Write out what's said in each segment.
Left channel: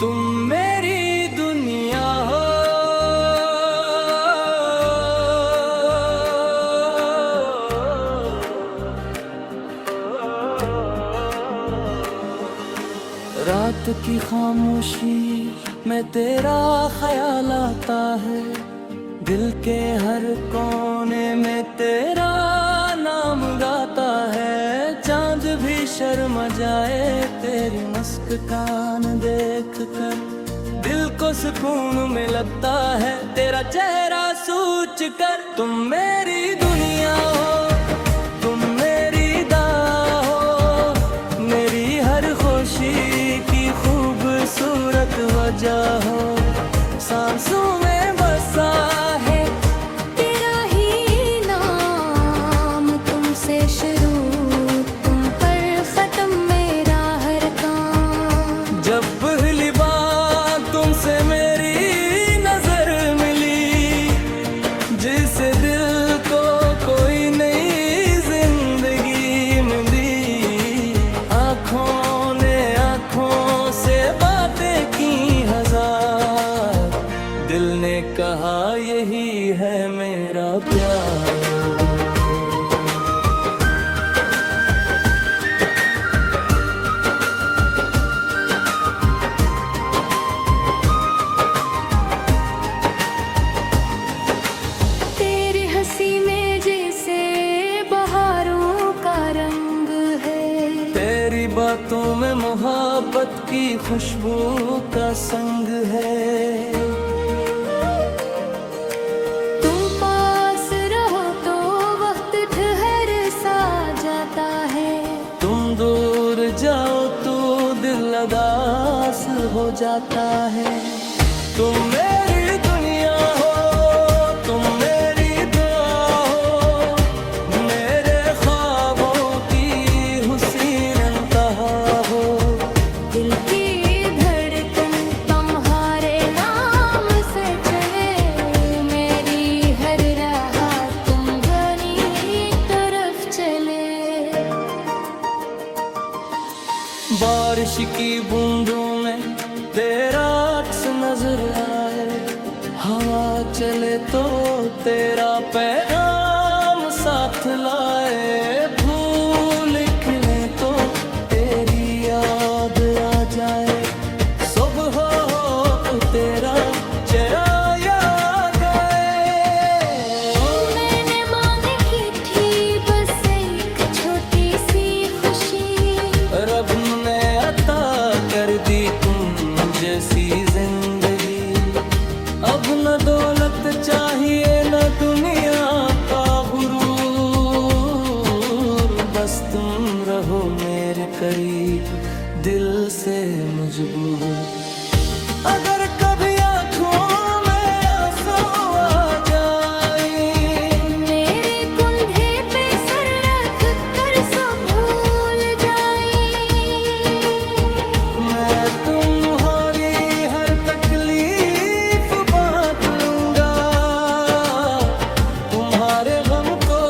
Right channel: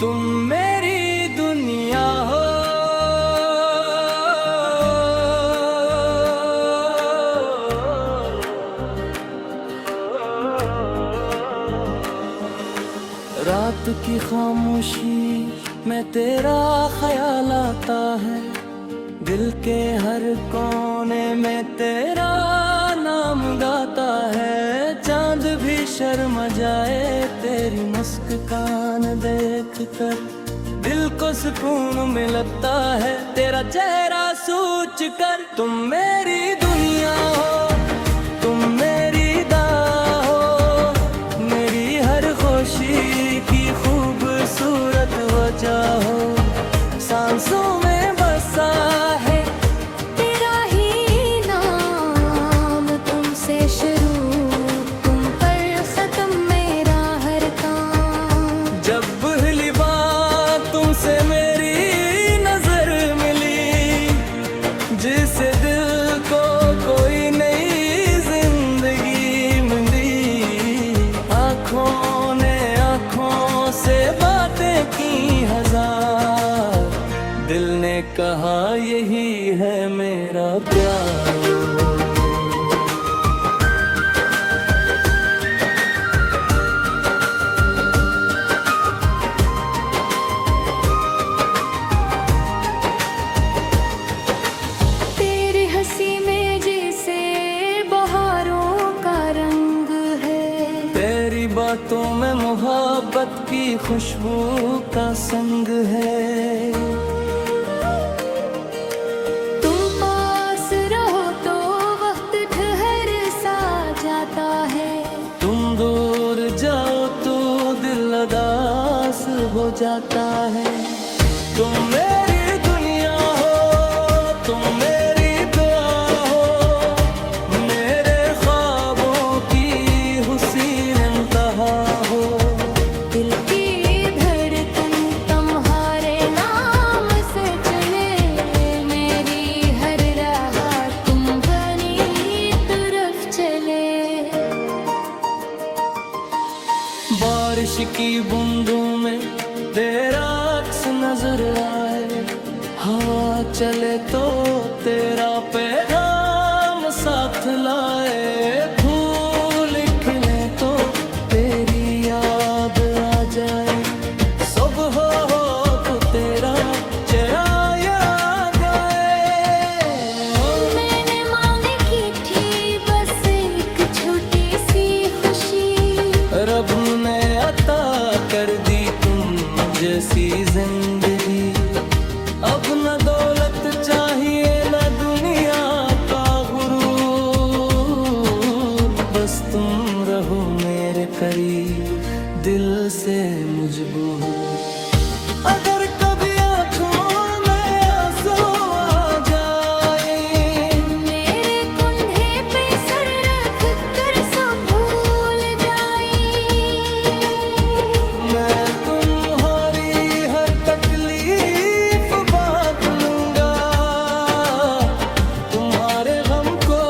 तुम मेरी दुनिया हो, रात की खामोशी में तेरा ख्याल आता है, दिल के हर कोने में तेरा नाम गाता है। चांद भी शर्मा जाए तेरी मुस्कान देख कर, दिल को सुकून मिलता है तेरा चेहरा सोच कर। तुम मेरी दुनिया हो, तुम मेरी दाह हो, मेरी हर खुशी की खूबसूरत वजह हो। सांसों में बसा है तेरा ही नाम, तुमसे शुरू तुम पर खत्म मेरा हर काम। जब पहली बार तुमसे मेरी नजर मिली, जिससे दिल को कोई नई जिंदगी मिली। आँखों ने आँखों से बातें की हजार, दिल ने कहा यही है मेरा प्यार। तेरी हंसी में जैसे बहारों का रंग है, तेरी बातों में मोहब्बत की खुशबू का संग है। जाता है, तुम दूर जाओ तो दिल उदास हो जाता है। तुम मेरी दुनिया हो, तुम मेरी दुआ हो, मेरे ख्वाबों की हुसीन इंतहा हो। दिल की धड़कन तुम्हारे नाम से चले, मेरी हर राह तुम बनी तरफ चले। बारिश की बूंदों में तेरा अक्स नजर आए, हवा चले तो तेरा पैगाम साथ लाए। फूल खिले तो तेरी याद आ जाए, सुबह हो तो तेरा चेहरा याद आए। मैंने मांगी की थी बस एक छोटी सी खुशी, रब ने अता कर दी तुम जैसी जिंदगी। अब न दौलत चाहिए न दुनिया का गुरूर, बस तुम रहो मेरे करीब दिल से मजबूर। अगर कभी आँखों में आंसू आ जाए, मेरे कंधे पे सर रख कर सब भूल जाए। मैं तुम्हारी हर तकलीफ बांट लूंगा, तुम्हारे गम को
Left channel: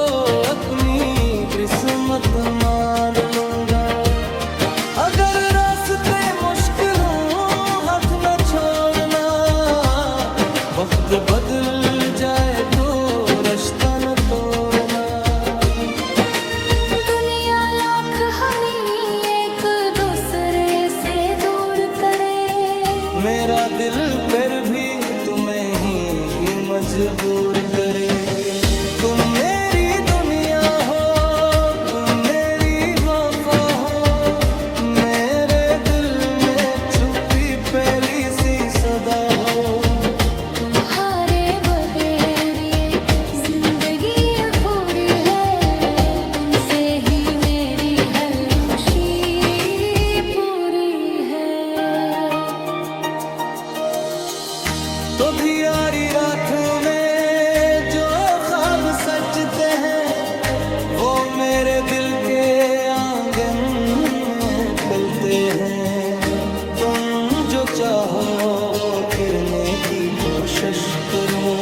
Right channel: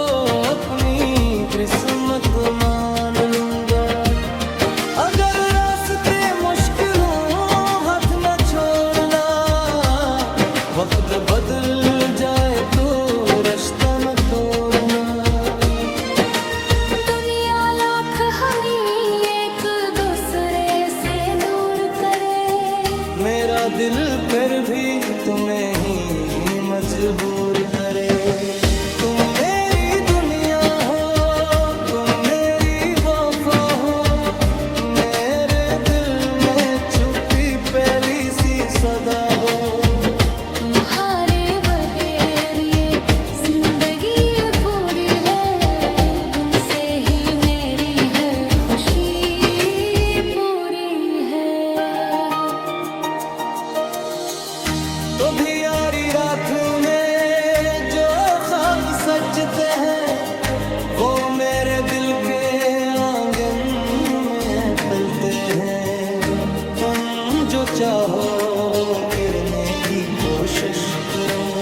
अपनी किस्मत मान लूंगा। अगर रास्ते मुश्किल हो हाथ न छोड़ना, वक्त बदल जाए तो रिश्ता न तोड़ना। दुनिया लाख हमें एक दूसरे से दूर करे, मेरा दिल फिर भी तुम्हें ही मजबूर करे। तुम मेरी दुनिया हो, तुम मेरी वफा हो, मेरे दिल में छुपी पहली सी सदा हो। तुम्हारे बगैर ये जिंदगी पूरी है, तुमसे ही मेरी हर खुशी पूरी है। तो भी यारी रात में जो ख्वाब सजते हैं, वो मेरे दिल के आंगन में पलते हैं। तुम जो चाहो किरने की कोशिश करूं,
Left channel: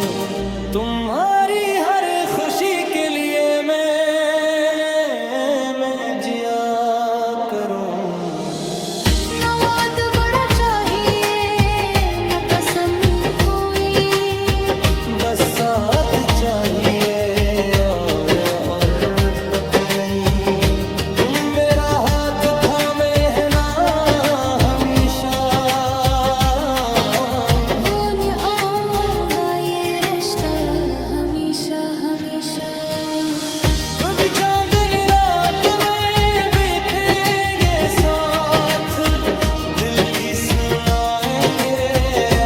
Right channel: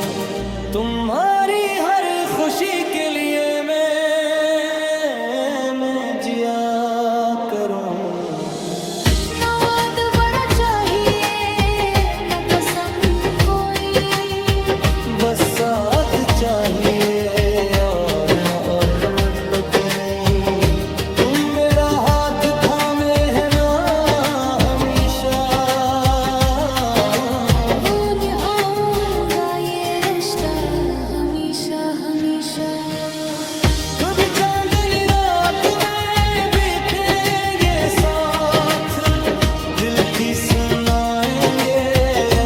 तुम्हारी हर खुशी के लिए मैं जिया करूं। नवाद बड़ा चाहिए बस साथ चाहिए और बत नहीं। तुम मेरा हाथ थामे है ना हमेशा, वो निभाऊंगा ये रिश्ता हमेशा हमेशा। कभी चांदनी रात में बीतेंगे साथ, दिल की सुनाएंगे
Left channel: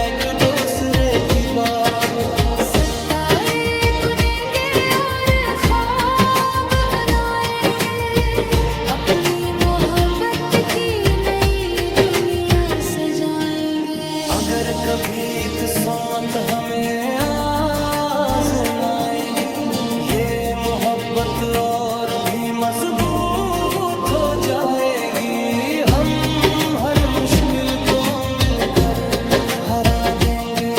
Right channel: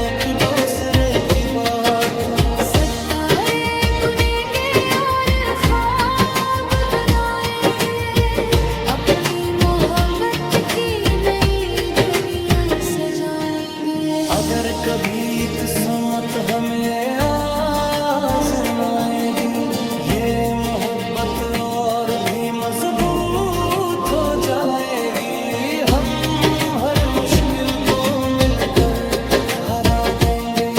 एक दूसरे की बात। सितारे बुनेंगे और ख्वाब बनाएंगे, अपनी मोहब्बत की नई दुनिया सजाएंगे। अगर कभी किस्मत हमें आजमाएगी, ये मोहब्बत और भी मजबूत हो जाएगी। हम हर मुश्किल को मिलकर हरा देंगे,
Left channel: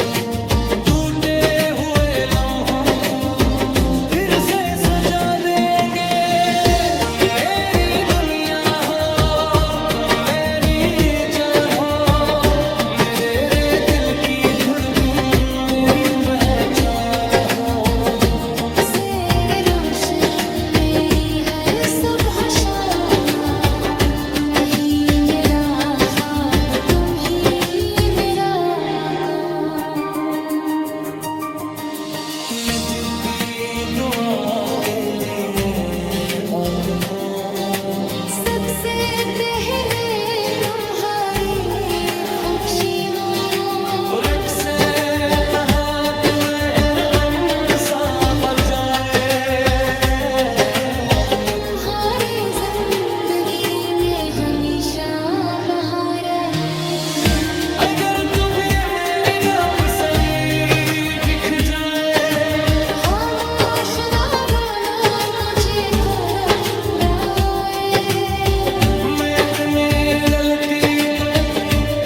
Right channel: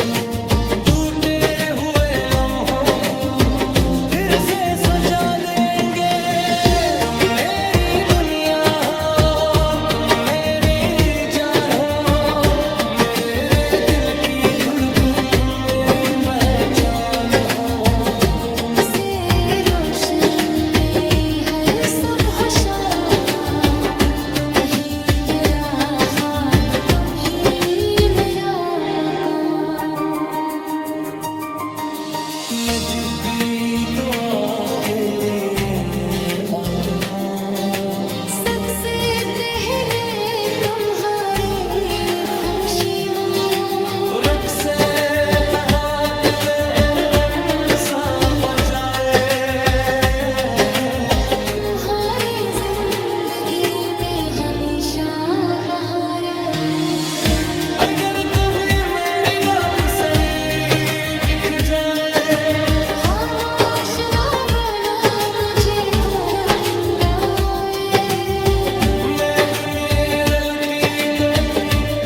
टूटे हुए लम्हों को फिर से सजा देंगे। तुम मेरी दुनिया हो, तुम मेरी जान हो, मेरे रे दिल की धड़कन मेरी पहचान हो। तुमसे रोशन मेरी हर सुबह शाम, तुम ही मेरा ख्वाब, तुम ही मेरा मकान। मैं जब भी दुआ के लिए आता हूँ, सबसे पहले तुम्हारी खुशी मंगो। रक्से दहा तुम्हें अमसा बजाए, तुम्हारी जिंदगी में हमेशा बहार है। अगर तुम्हें मेरी रात सरी दिख जाए, खामोश ना बोला मुझे को रंग आए। मैं इतनी गलती को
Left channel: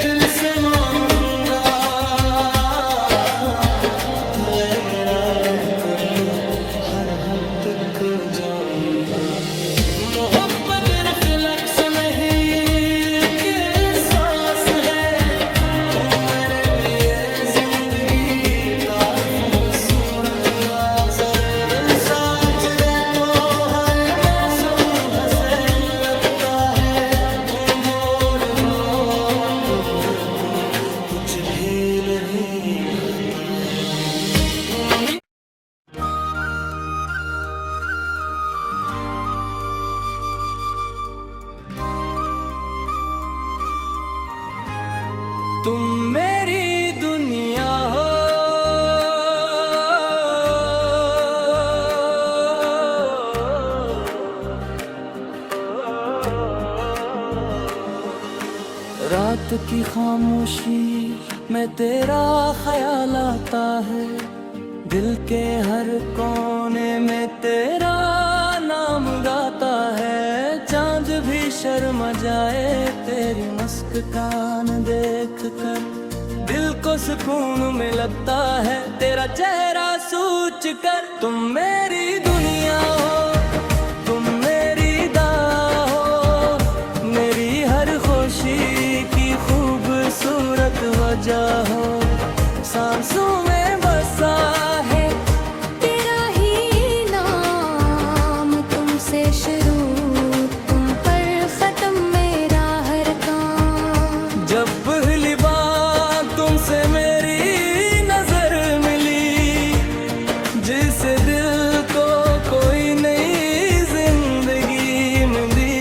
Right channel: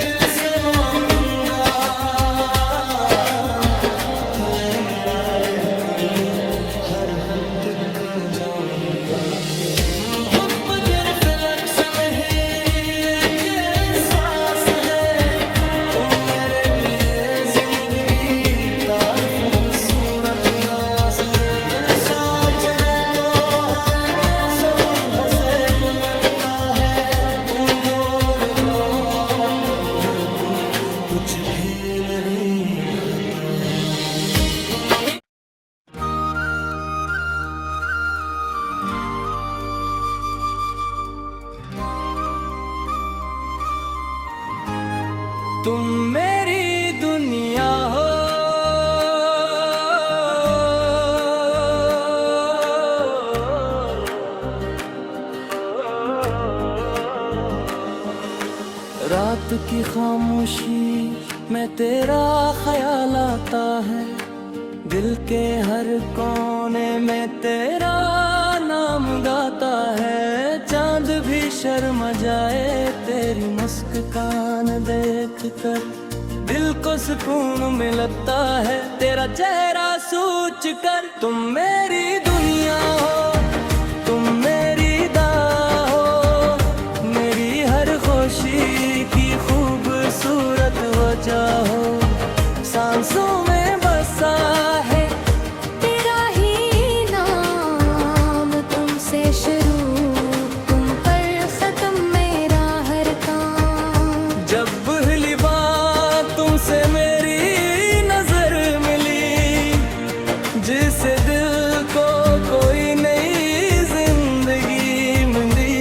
दिल से मानूंगा, कर दो हर हद तक जाऊंगा। मोहब्बत लफ्ज़ में ही के सांस है, तुम मेरे लिए जिंदगी तारीफ खूबसूरत राज़ साजरे तो है मौसम हंसे लगता है। तुम दूर हो तो कुछ भी नहीं भाता तुम भी। तुम मेरी दुनिया हो, रात की खामोशी में तेरा ख्याल आता है, दिल के हर कोने में तेरा नाम गाता है। चांद भी शर्मा जाए तेरी मुस्कान देख कर, दिल को सुकून मिलता है तेरा चेहरा सोच कर। तुम मेरी दुनिया हो, तुम मेरी दाह हो, मेरी हर खुशी की खूबसूरत वजह हो। सांसों में बसा है तेरा ही नाम, तुमसे शुरू तुम पर खत्म मेरा हर काम। जब पहली बार तुमसे मेरी नजर मिली, जिससे दिल को कोई नई जिंदगी मिली।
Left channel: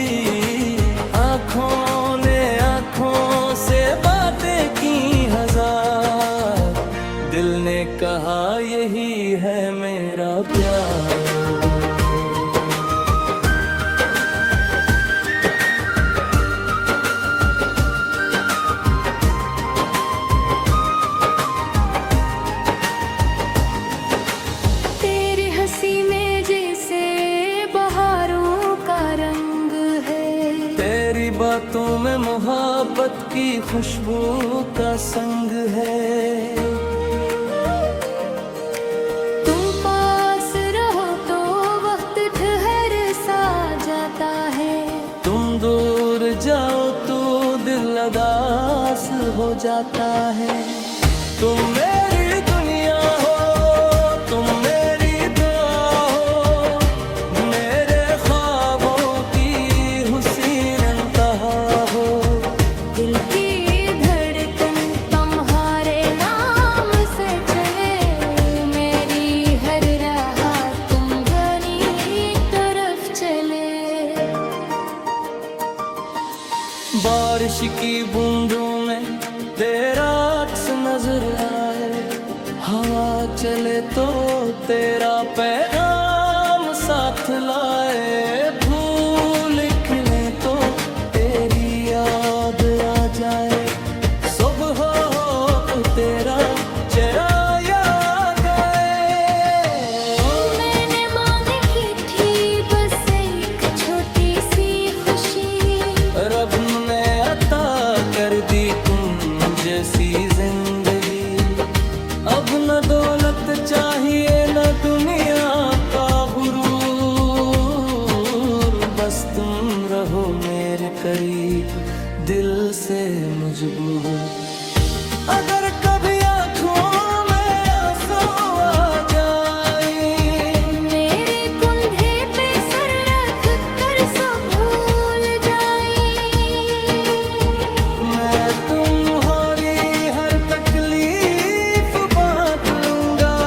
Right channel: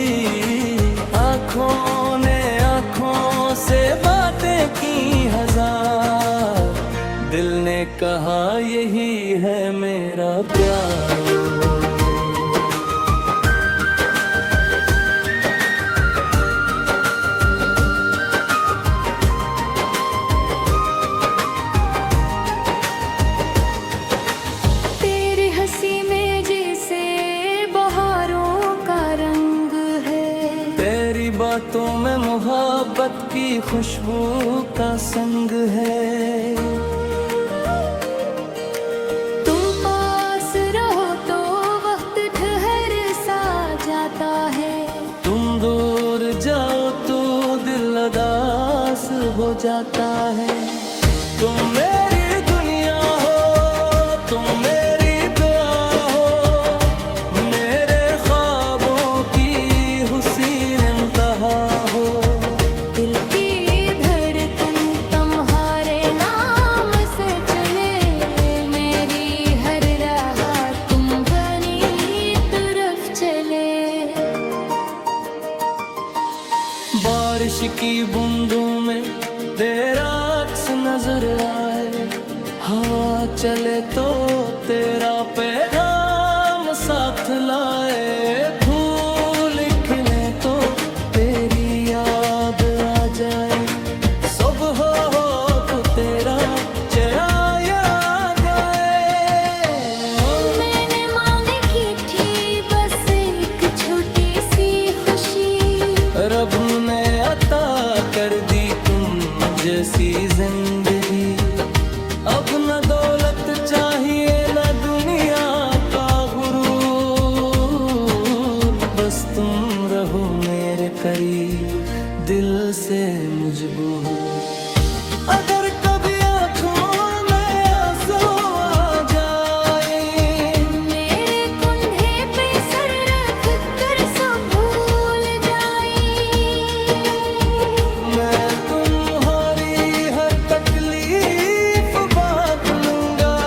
आँखों ने आँखों से बातें की हजार, दिल ने कहा यही है मेरा प्यार। तेरी हंसी में जैसे बहारों का रंग है, तेरी बातों में मोहब्बत की खुशबू का संग है। जाता है, तुम दूर जाओ तो दिल उदास हो जाता है। तुम मेरी दुनिया हो, बारिश की बूंदों में तेरा अक्स नजर आए, हवा चले तो तेरा पैगाम साथ लाए, फूल खिले तो तेरी याद आ जाए, सुबह हो तो तेरा चेहरा याद आए। मैंने मांगी की थी बस एक छोटी सी खुशी, रब ने अता कर दी तुम जैसी जिंदगी। अब न दौलत चाहिए न दुनिया का गुरूर, बस तुम रहो मेरे करीब दिल से मजबूर। अगर कभी आँखों में आंसू आ जाए, मेरे कंधे पे सर रख कर सब भूल जाए, मैं तुम्हारी हर तकलीफ बांट लूंगा,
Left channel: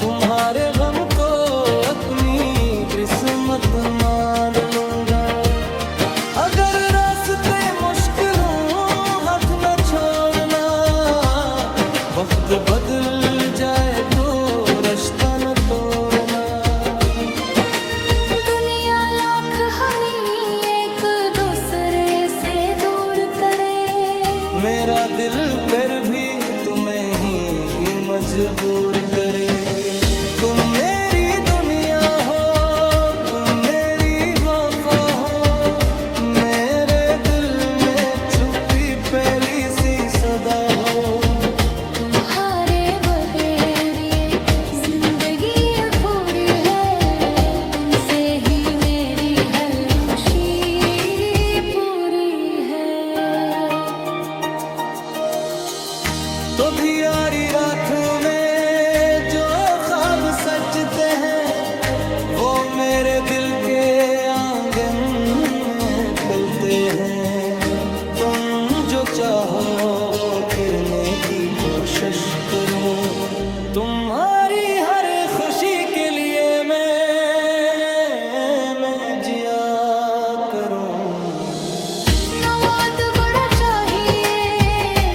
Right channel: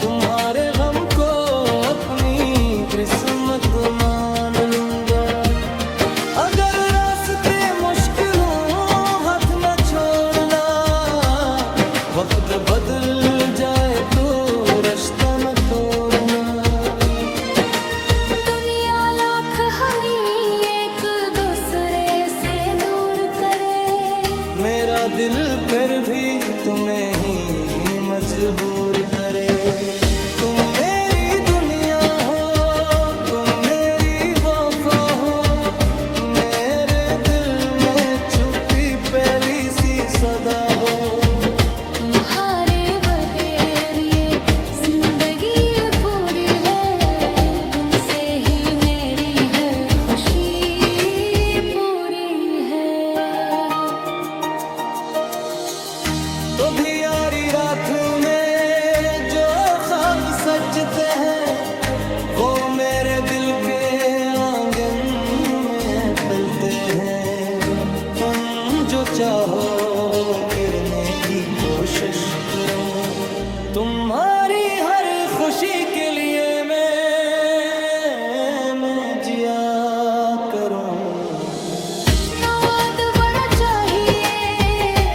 तुम्हारे गम को अपनी किस्मत मान लूंगा। अगर रास्ते मुश्किल हो हाथ न छोड़ना, वक्त बदल जाए तो रिश्ता न तोड़ना। दुनिया लाख हमें एक दूसरे से दूर करे, मेरा दिल फिर भी तुम्हें ही मजबूर करे। तुम मेरी दुनिया हो, तुम मेरी वफा हो, मेरे दिल में छुपी पहली सी सदा हो। तुम्हारे बगैर ये जिंदगी पूरी है, तुमसे ही मेरी हर खुशी पूरी है। तो भी यारी रातों में जो ख्वाब सजते हैं, वो मेरे दिल के आंगन में पलते हैं। तुम जो चाहो गिरने की कोशिश करूं, तुम्हारी हर खुशी के लिए मैं जिया करूं। न वाद बड़ा चाहिए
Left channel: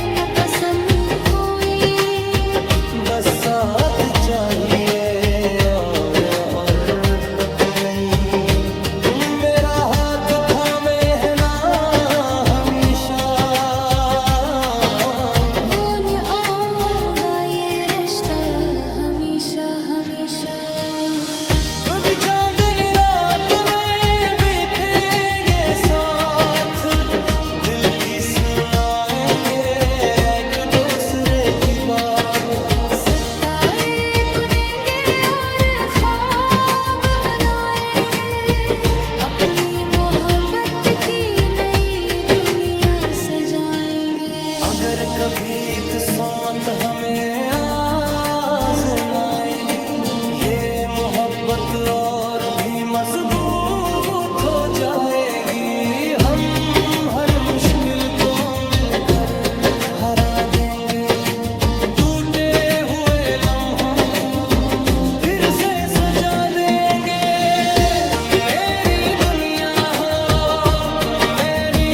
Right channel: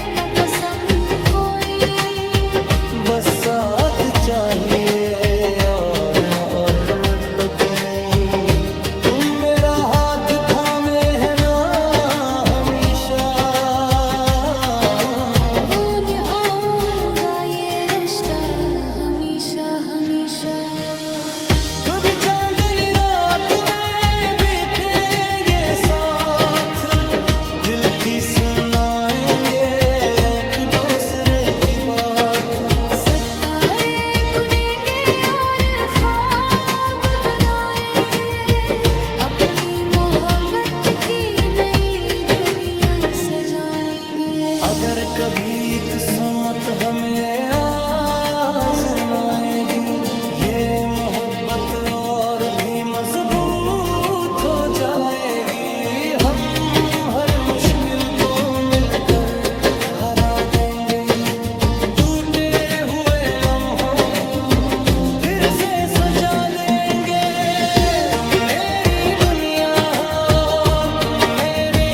न कसम कोई, बस साथ चाहिए और बत नहीं। तुम मेरा हाथ थामे है ना हमेशा, वो निभाऊंगा ये रिश्ता हमेशा हमेशा। कभी चांदनी रात में बीतेंगे साथ, दिल की सुनाएंगे एक दूसरे की बात। सितारे बुनेंगे और ख्वाब बनाएंगे, अपनी मोहब्बत की नई दुनिया सजाएंगे। अगर कभी किस्मत हमें आजमाएगी, ये मोहब्बत और भी मजबूत हो जाएगी। हम हर मुश्किल को मिलकर हरा देंगे, टूटे हुए लम्हों को फिर से सजा देंगे। तुम मेरी दुनिया हो, तुम मेरी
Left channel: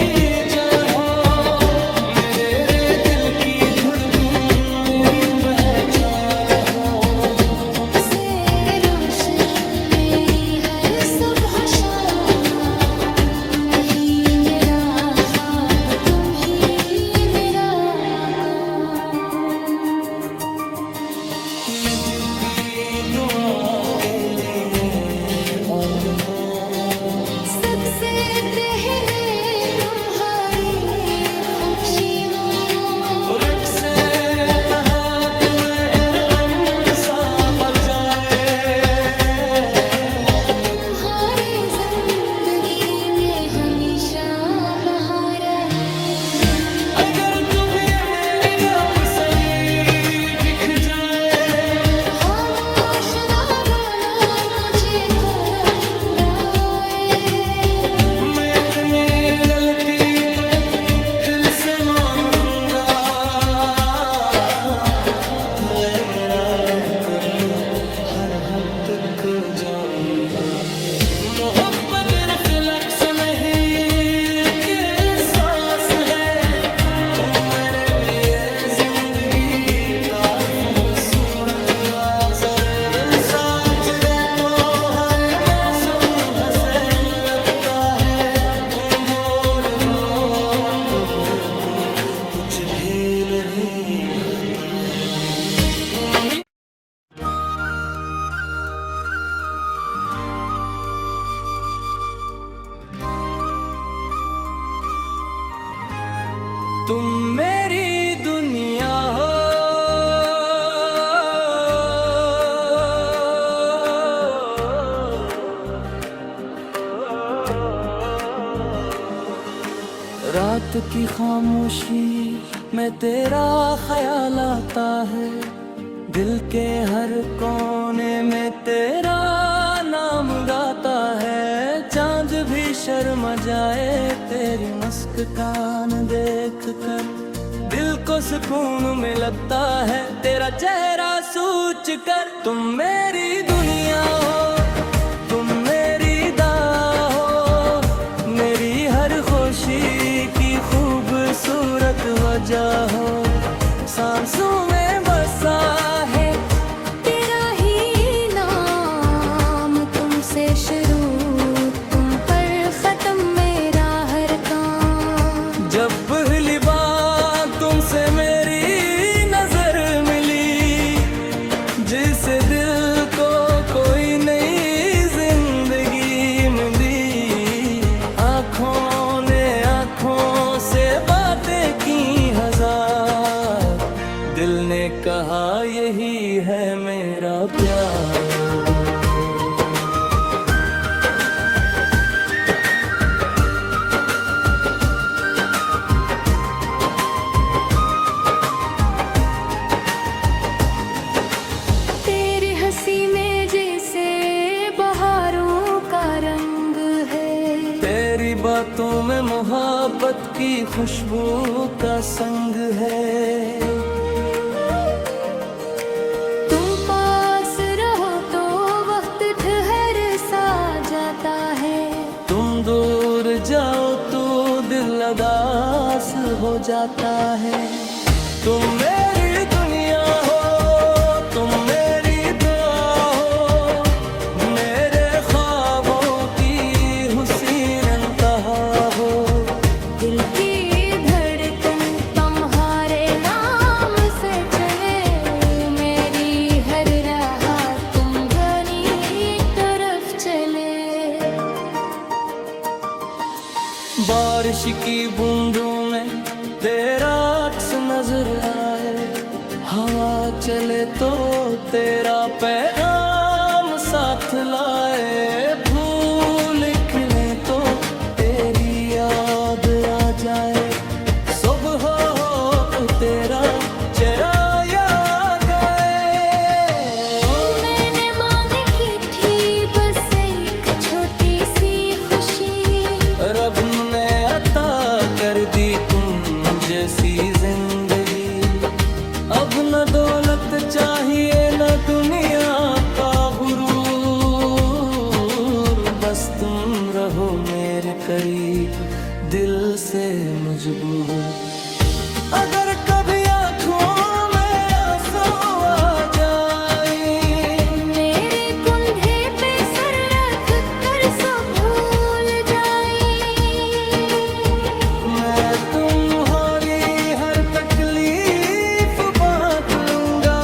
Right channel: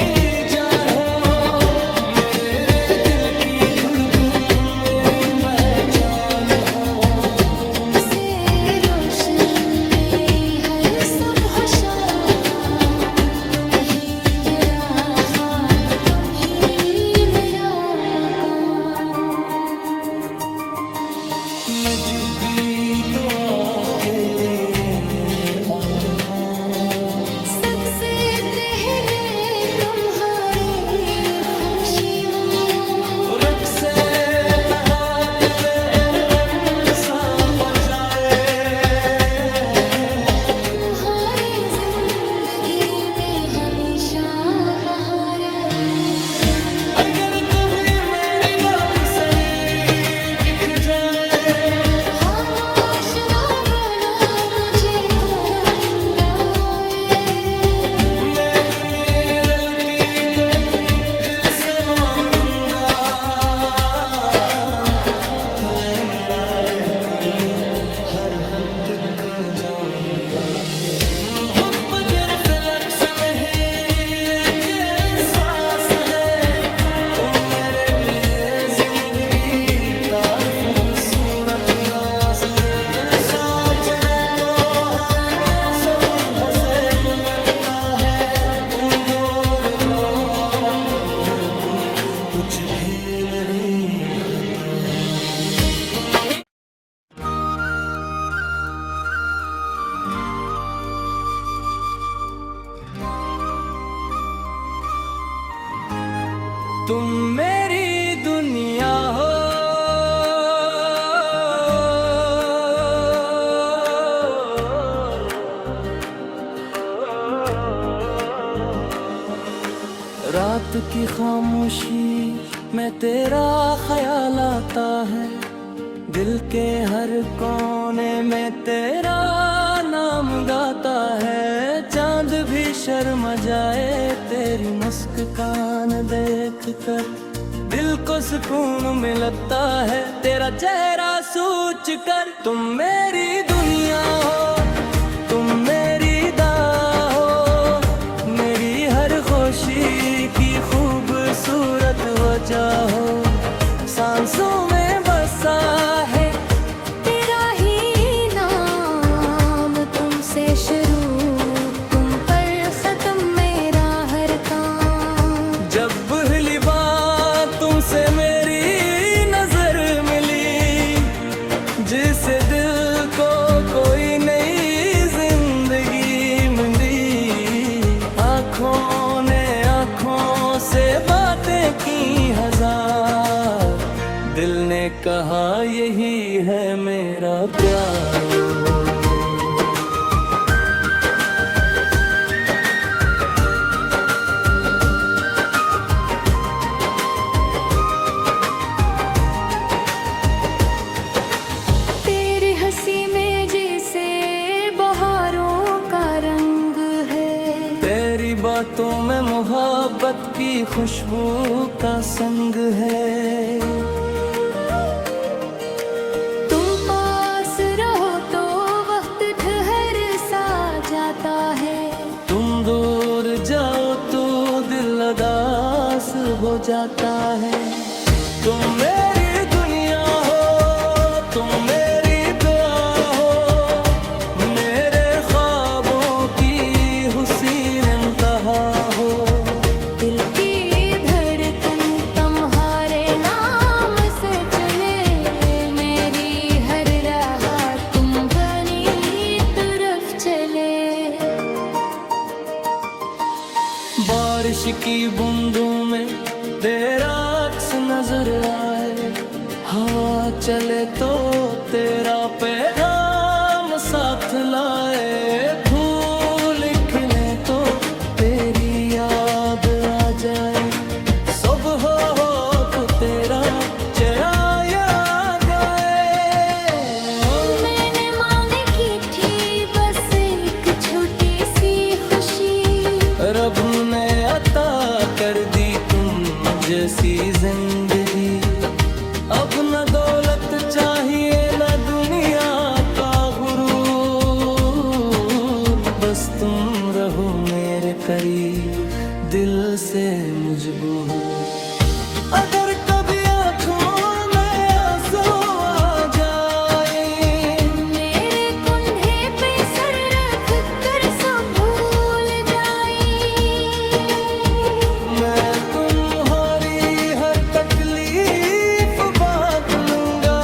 जान हो, मेरे रे दिल की धड़कन मेरी पहचान हो। तुमसे रोशन मेरी हर सुबह शाम, तुम ही मेरा ख्वाब, तुम ही मेरा मकान। मैं जब भी दुआ के लिए आता हूँ, सबसे पहले तुम्हारी फुमशी मंगो, रक्से तहा तुम्हें इरअमसा बजाए। तुम्हारी जिंदगी में हमेशा बहार है। अगर तुम्हें मेरी बापसरी दिख जाए, खामोश ना बोला मुझे कोरम बहाए। मैं इतनी गलती तो दिल से मानूंगा, तुम्हें मुरादे कर दे हर हद तक जाऊंगा। मोहब्बत लक्ष्य में ही के सांस है तुम मेरे लिए जिंदगी तारीफ खूबसूरत राज़र दिल साजरे तो हर मौसम हंसे लगता है तुम दूर हो तो दिल को कुछ भी नहीं भाता तुम तुम मेरी दुनिया हो रात की खामोशी में तेरा ख्याल आता है दिल के हर कोने में तेरा नाम गाता है चांद भी शर्मा जाए तेरी मुस्कान देख कर दिल को सुकून मिलता है तेरा चेहरा सोच कर तुम मेरी दुनिया हो तुम मेरी दाह हो मेरी हर खुशी की खूबसूरत वजह हो सांसों में बसा है तेरा ही नाम तुमसे शुरू तुम पर खत्म मेरा हर काम जब पहली बार तुमसे मेरी नजर मिली जिससे दिल को कोई नई जिंदगी मिली आँखों ने आँखों से बातें की हजार दिल ने कहा यही है मेरा प्यार तेरी हंसी में जैसे बहारों का रंग है तेरी बातों में मोहब्बत की खुशबू का संग है तुम पास रहो तो वक्त ठहर सा जाता है तुम दूर जाओ तो दिल उदास हो जाता है तुम मेरी दुनिया हो तुम मेरी दुआ हो मेरे ख्वाबों की हुसीन इंतहा हो दिल की धड़कन तुम्हारे नाम से चले मेरी हर राह तुम बनी तरफ चले बारिश की बूंदों में तेरा अक्स नजर आए हवा चले तो तेरा पैगाम साथ लाए फूल खिले तो तेरी याद आ जाए सुबह हो तो तेरा चेहरा याद आए मैंने मांगी की थी बस एक छोटी सी खुशी रब ने अता कर दी तुम जैसी जिंदगी अब न दौलत चाहिए न दुनिया का गुरूर बस तुम रहो मेरे करीब दिल से मजबूर अगर कभी आँखों में आंसू आ जाए मेरे कंधे पे सर रख कर सब भूल जाए मैं तुम्हारी हर तकलीफ बांट लूंगा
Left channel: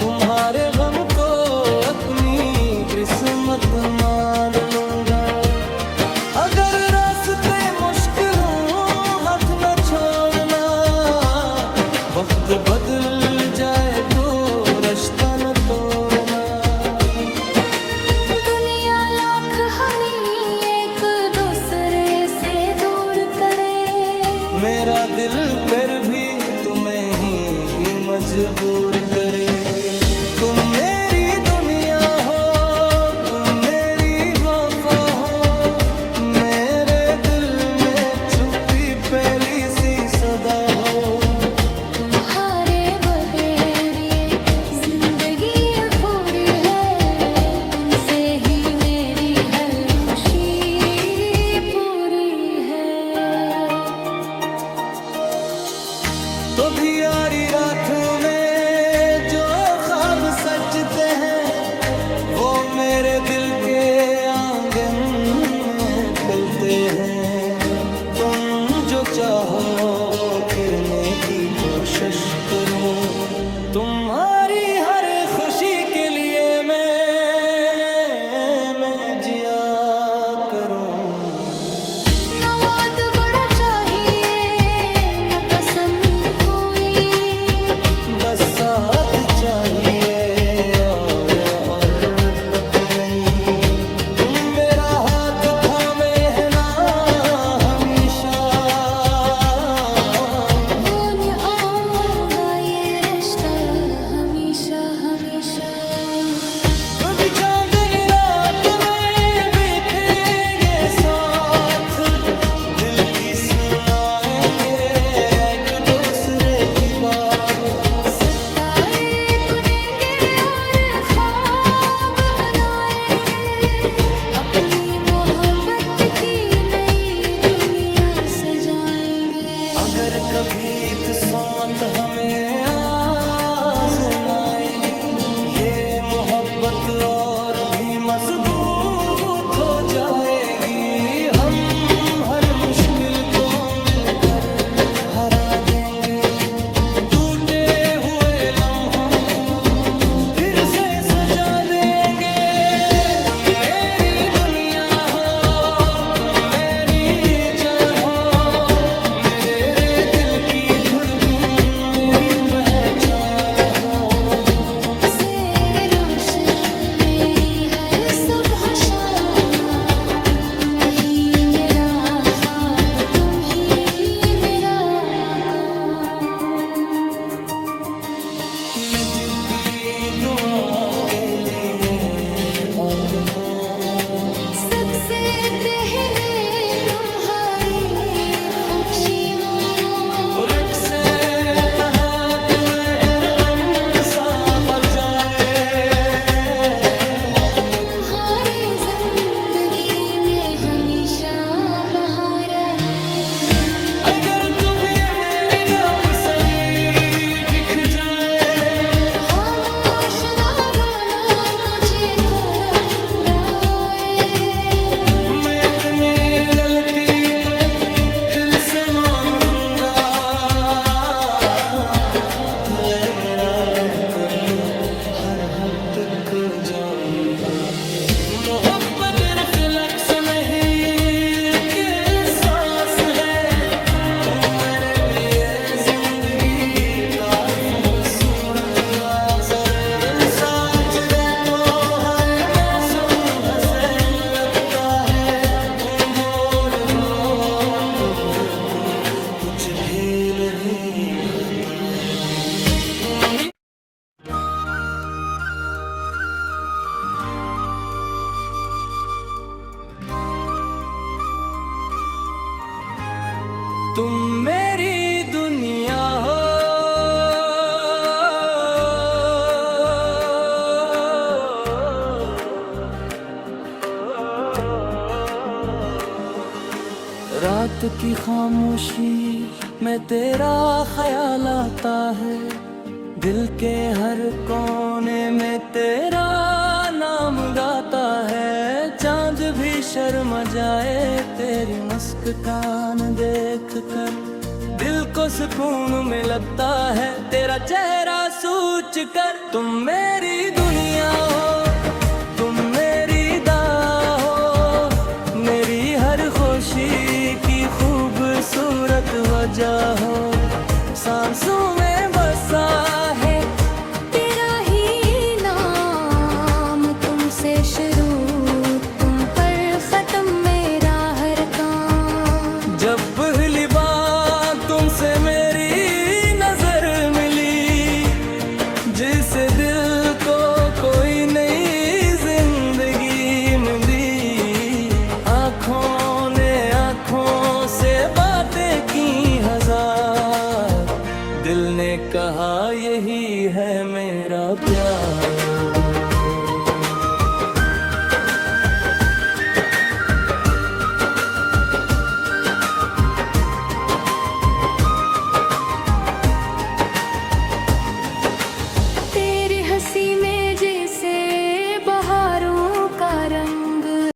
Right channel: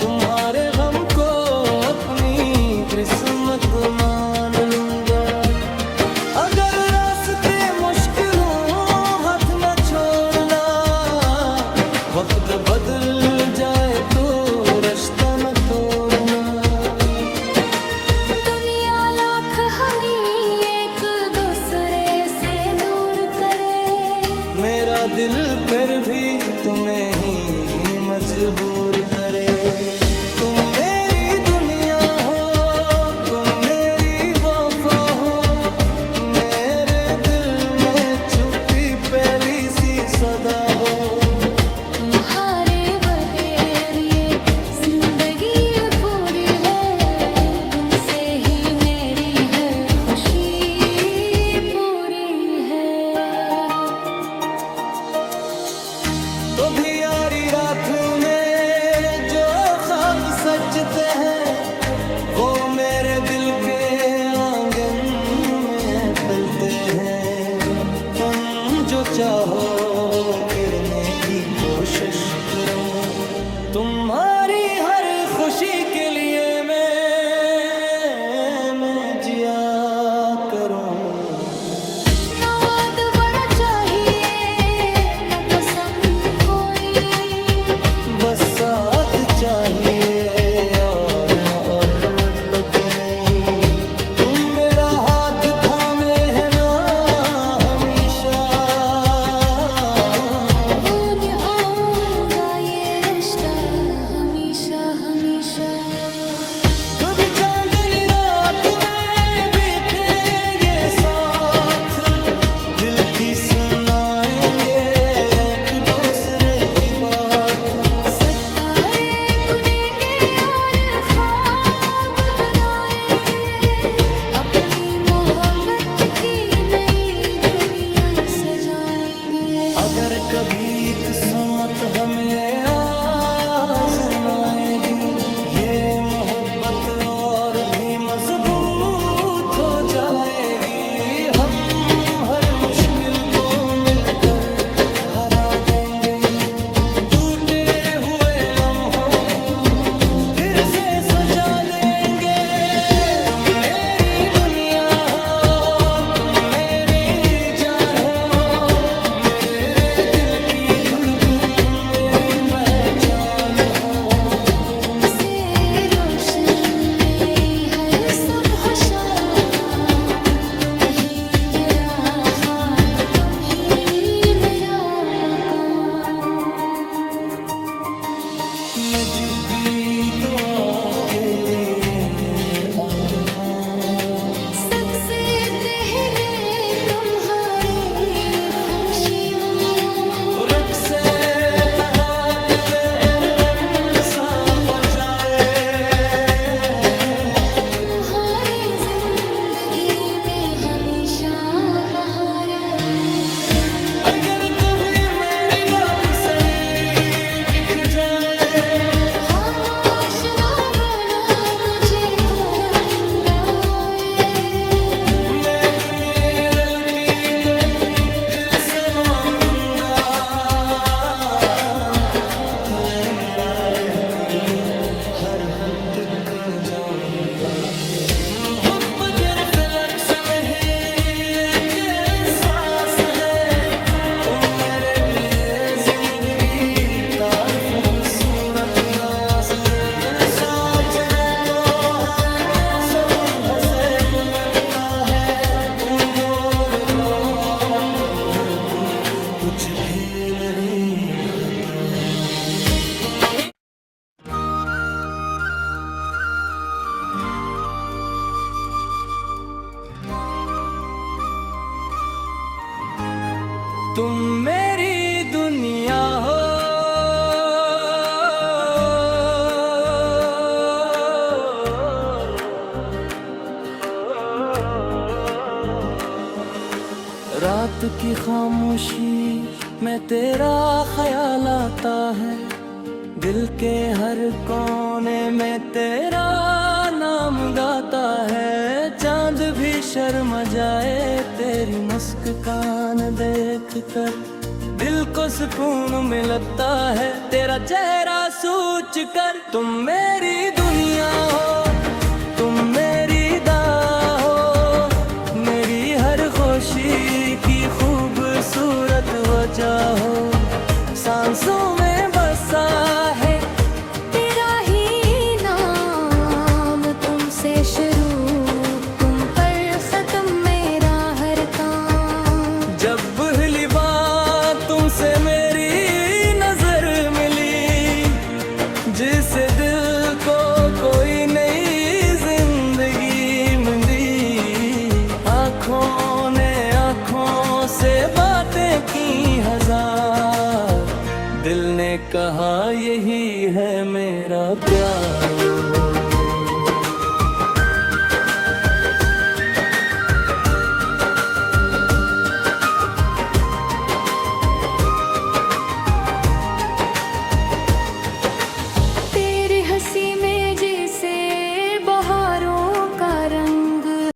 तुम्हारे गम को अपनी किस्मत मान लूंगा अगर रास्ते मुश्किल हो हाथ न छोड़ना वक्त बदल जाए तो रास्ता न तोड़ना दुनिया लाख हमें एक दूसरे से दूर करे मेरा दिल पर भी तुम्हें ही मजबूर करे तुम मेरी दुनिया हो तुम मेरी वफा हो मेरे दिल में छुपी पहली सी सदा हो तुम्हारे बगैर ये जिंदगी पूरी है तुमसे ही मेरी हर सजते हैं, वो मेरे दिल के आंगन में पलते हैं। तुम जो चाहो किरने की कोशिश करूं, तुम्हारी हर खुशी के लिए मैं जिया करूं। न वाद बड़ा चाहिए न कसम कोई, बस साथ चाहिए और बत नहीं। तुम मेरा हाथ थामे है ना हमेशा, वो निभाऊंगा ये रिश्ता हमेशा हमेशा। कभी चांदनी रात में बीतेंगे साथ, दिल की सुनाएंगे एक दूसरे की बात। सितारे बुनेंगे और ख्वाब बनाएंगे, अपनी मोहब्बत की नई दुनिया सजाएंगे। अगर कभी किस्मत हमें आजमाएगी, ये मोहब्बत और भी मजबूत हो जाएगी। हम हर मुश्किल को मिलकर हरा देंगे, टूटे हुए लम्हों को फिर से सजा देंगे। तुम मेरी दुनिया हो, तुम मेरी जान हो, मेरे रे दिल की धड़कन मेरी पहचान हो। तुमसे रोशन मेरी हर सुबह शाम, तुम ही मेरा ख्वाब, तुम ही मेरा मकान। मैं जब भी दुआ के लिए आता हूँ, सबसे पहले तुम्हारी खुशी मम्मा। रख से तहा तुम्हें अमसा बजाए, तुम्हारी जिंदगी में हमेशा बहार है। अगर तुम्हें मेरी दापुसली दिख जाए, खामोश ना बोला मुझे कोरम बहाए। मैं इतनी गलती को दिल से मानूंगा, दिल मराने कर दे हर हद तक जाऊंगा। मोहब्बत रिफ्लेक्स में ही के सांस है, तुम मेरे लिए जिंदगी तारीफ खूबसूरत राज़रे दिन साजरे तो है मैं सम हंसे लगता है। तुम दूर हो तो कुछ भी नहीं भाता रहा। तुम भी तुम मेरी दुनिया हो, रात की खामोशी में तेरा ख्याल आता है, दिल के हर कोने में तेरा नाम गाता है। चांद भी शर्मा जाए तेरी मुस्कान देख कर, दिल को सुकून मिलता है तेरा चेहरा सोच कर। तुम मेरी दुनिया हो, तुम मेरी दाह हो, मेरी हर खुशी की खूबसूरत वजह हो। सांसों में बसा है तेरा ही नाम, तुमसे शुरू तुम पर खत्म मेरा हर काम। जब पहली बार तुमसे मेरी नजर मिली, जिससे दिल को कोई नई जिंदगी मिली। आँखों ने आँखों से बातें की हजार, दिल ने कहा यही है मेरा प्यार।